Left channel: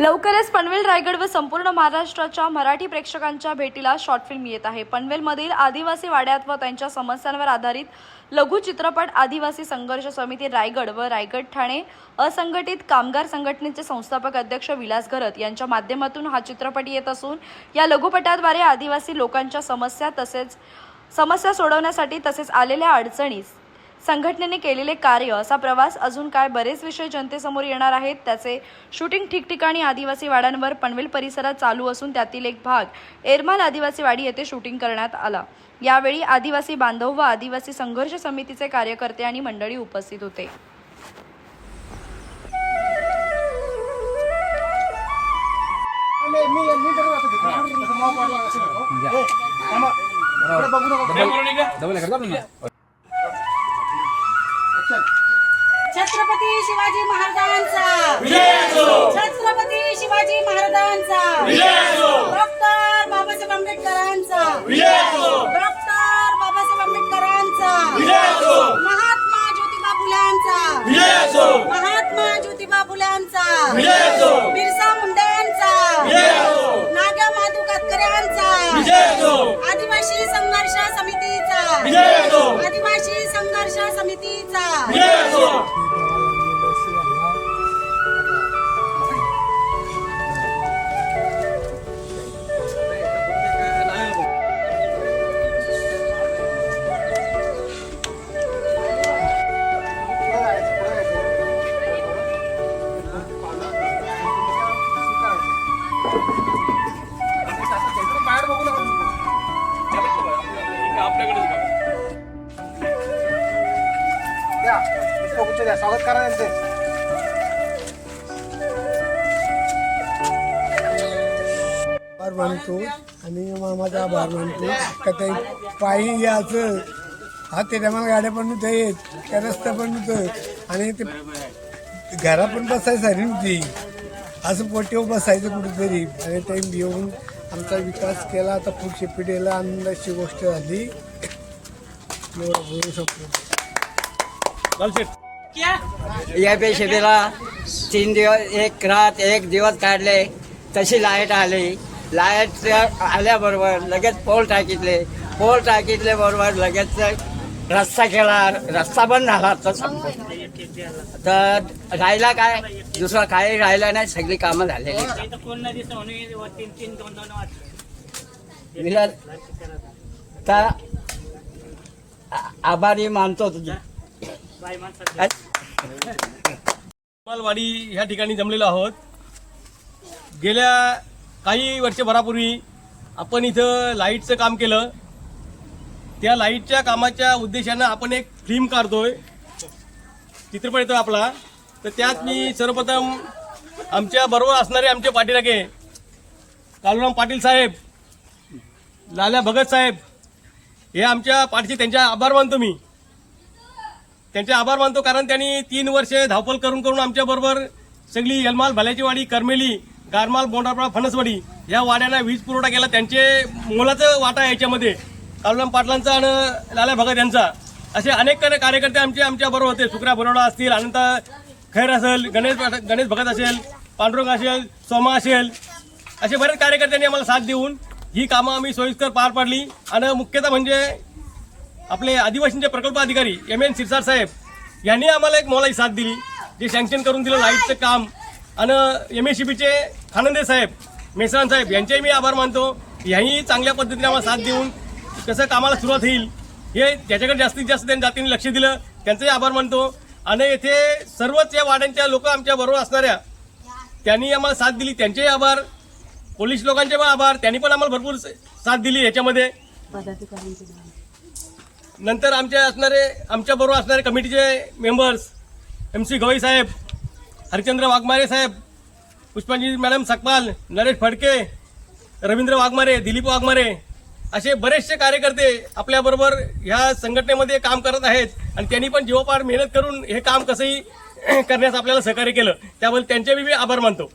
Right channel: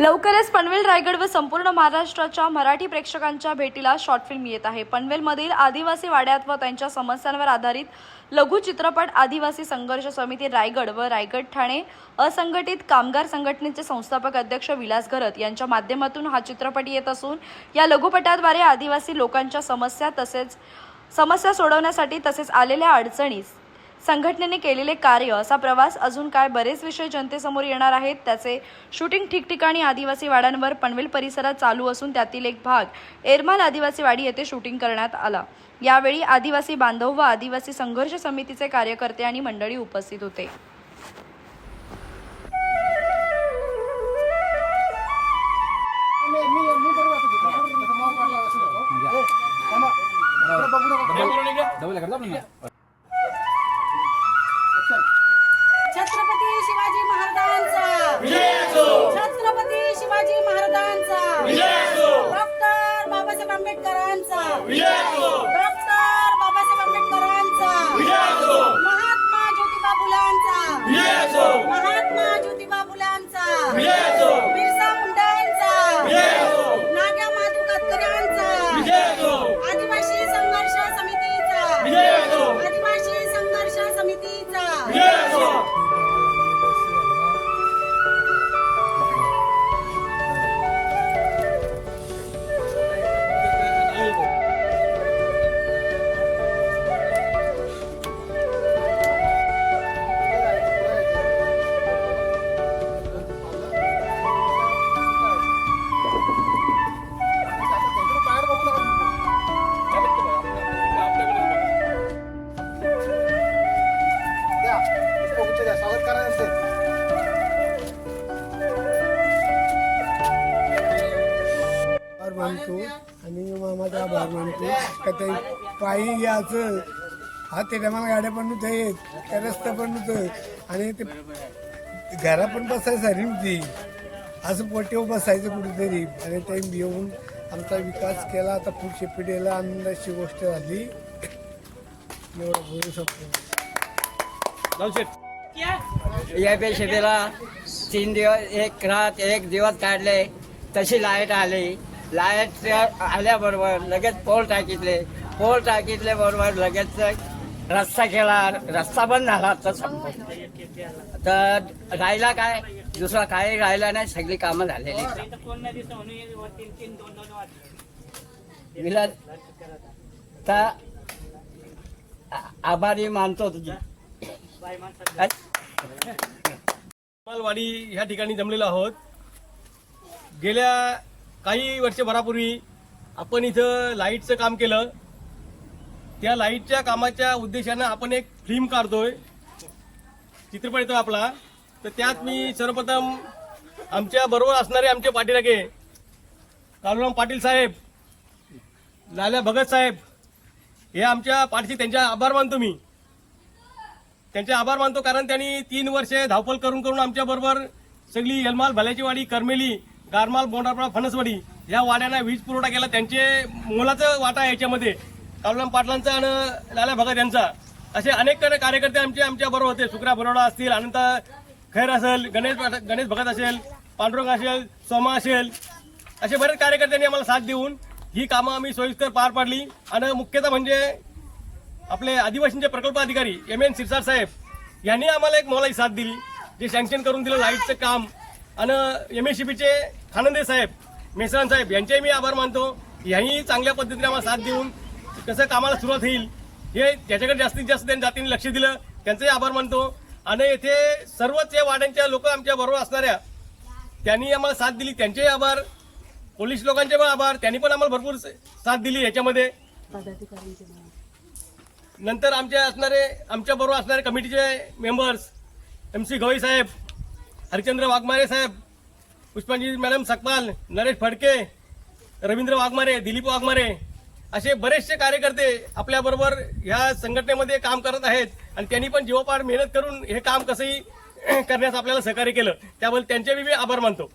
लवकरच पनवेल रायगड व संपूर्ण महाराष्ट्राच्या मराठी प्रेक्षकांच्या भेटीला शॉर्ट फिल्म येत आहे. पनवेलमधील आदिवासी वाड्यात व त्यांच्या समस्यांवर आधारित लघु चित्रपट आदिवासी संघर्ष समिती रायगड व रायगड ठाणे असंघटित कामगार संघटनेचे संस्थापक अध्यक्ष विलास घरत यांच्या माध्यमातून हा चित्रपट येत असून या लघुपटाद्वारे आदिवासी लोकांच्या समस्या तसेच समस्या सोडवण्यासाठी तसेच आलेल्या अडचणीस संघटनेने केलेले कार्य असा प्रवास अजून काय बरेच विषय जनतेसमोर येणार आहेत त्याचे शूटिंग ठिकठिकाणी आदिवासी वाड्यांवर पनवेल परिसरात चालू असून त्यातील एक भाग एरमाल आदिवासी वाडी येथे शूटिंग करण्यात आला यावेळी आदिवासी बांधव व आदिवासी संघर्ष समितीचे कार्यकर्ते आणि मंडळी उपस्थित होते मानतो आणि मामाचा आभार मानतो का ते पायी याचं हा त्याच्या मला गाड्या पण त्या रस्ता पण नव्हतं आणि ते घरा पण बसायसाठी नव्हती असं पोटीवर बसायचं कुठेतरी. आणि ते येऊन आमचा विकास केला आता पुढच्या पिढीला आनंदाची गोष्ट झाली. एवढं बोलू शकतो. या पेशेला तीन दिवस एक रात एक दिवस काढले. तशी लाइट आली. लाइट आल्याबरोबर लगेच पोल टाकीतले. पोल टाकीतले बरोबर लगेच रस्ता केला. रस्ता बंद झाला. तर तर राहिला काय? दुसरा काही राहिला नाही. सगळी कामं झालेली. तर आभारी मानतो तुझ्या मालवाडी ह्या ठिकाणी जमलेलो आहोत. गेल्या काही वर्षभरापूर्वी आपण इथं लाईटचं काम केलं. त्या लाईटच्या कामाच्या उद्देशानं आपण एक फिल्म काढतोय. चित्रपट येतोय आपला. तर त्यात मी सर्वप्रथम आमच्या बरोबर असणारे आमचे पाठीराखे कालूराम पाटील साहेब लाल्या भगत साहेब हे आमच्या पाठीचे त्यांचे आभार मानतो मी. त्यांचे आभार मानतो कारण त्यांनी तीन वर्षे धावपल करून करून आमच्याबरोबर सगळी यलमाल भाल्याची वाडी करमेली गारमाल बोंडापळा फणसवाडी या वाड्यांना वीज पुरवठा केला. त्यांचे मोलाचं वाटा याच्यामध्ये. कालुराम पाटलांचा आणि लाला भगत यांचा. असे अनेक कार्यकर्ते आमचे आमच्या बरोबर होते. सुकरा बरोडा असतील अनंत खैर असेल गणेश गणेश भगत असेल पांडुरंग असेल सोमा असेल असे बरेच कार्यकर्त्यांनी आम्हाला साथ देऊन ही कामं आम्ही सोयीस्कर पार पाडली. आणि मुख्यतः म्हणजे आपले आदिवासींचे प्रकल्प अधिकारी एम एन सिरसार साहेब यांनी आम्हाला एक मोलाची साथ दिली जे सँक्शन करून दिलं लाईटचं काम. आणि एम एस सी बीचे आनंदे साहेब मेसरान साहेब यांचेही मी आभार मानतो. ह्याही चांगल्या पद्धतीने आम्हाला साथ देऊन कसं कामाला सुरुवात होईल हे त्याच्याकडे जास्तीत जास्त त्यांनी जातीने लक्ष दिलं. त्यांचाही आभार मानतो. आणि येथे सर्वच या वाड्यांच्या लोक आमच्या बरोबर असणाऱ्या त्यांनी आम्हाला साथ दिली. त्यांचेही आभार. पोलीस लोकांचे पण आभार. त्यांनी पण आम्हाला भरपूर साथ दिली याच्यामध्ये. नंतर आमचे असणारे आमच्या बरोबर असणारे कमिटीचे मेंबर्स एम सी गवई साहेब हरिचंद्र वाघमारे साहेब पुष्पांजी मॅडम सकपाल नरेश फडके रवींद्र वाघमारे दिलीप वाघमारे असे बरेचसे कार्यकर्ते आपल्याबरोबर ह्या संघटनेमध्ये काम करत आहेत आणि त्यांनी पण जीवोपार मेहनत करून हे काम कसंही करण्यास आपल्याला सहकार्य केलं. त्याबद्दल त्यांचे मी आभार मानतो.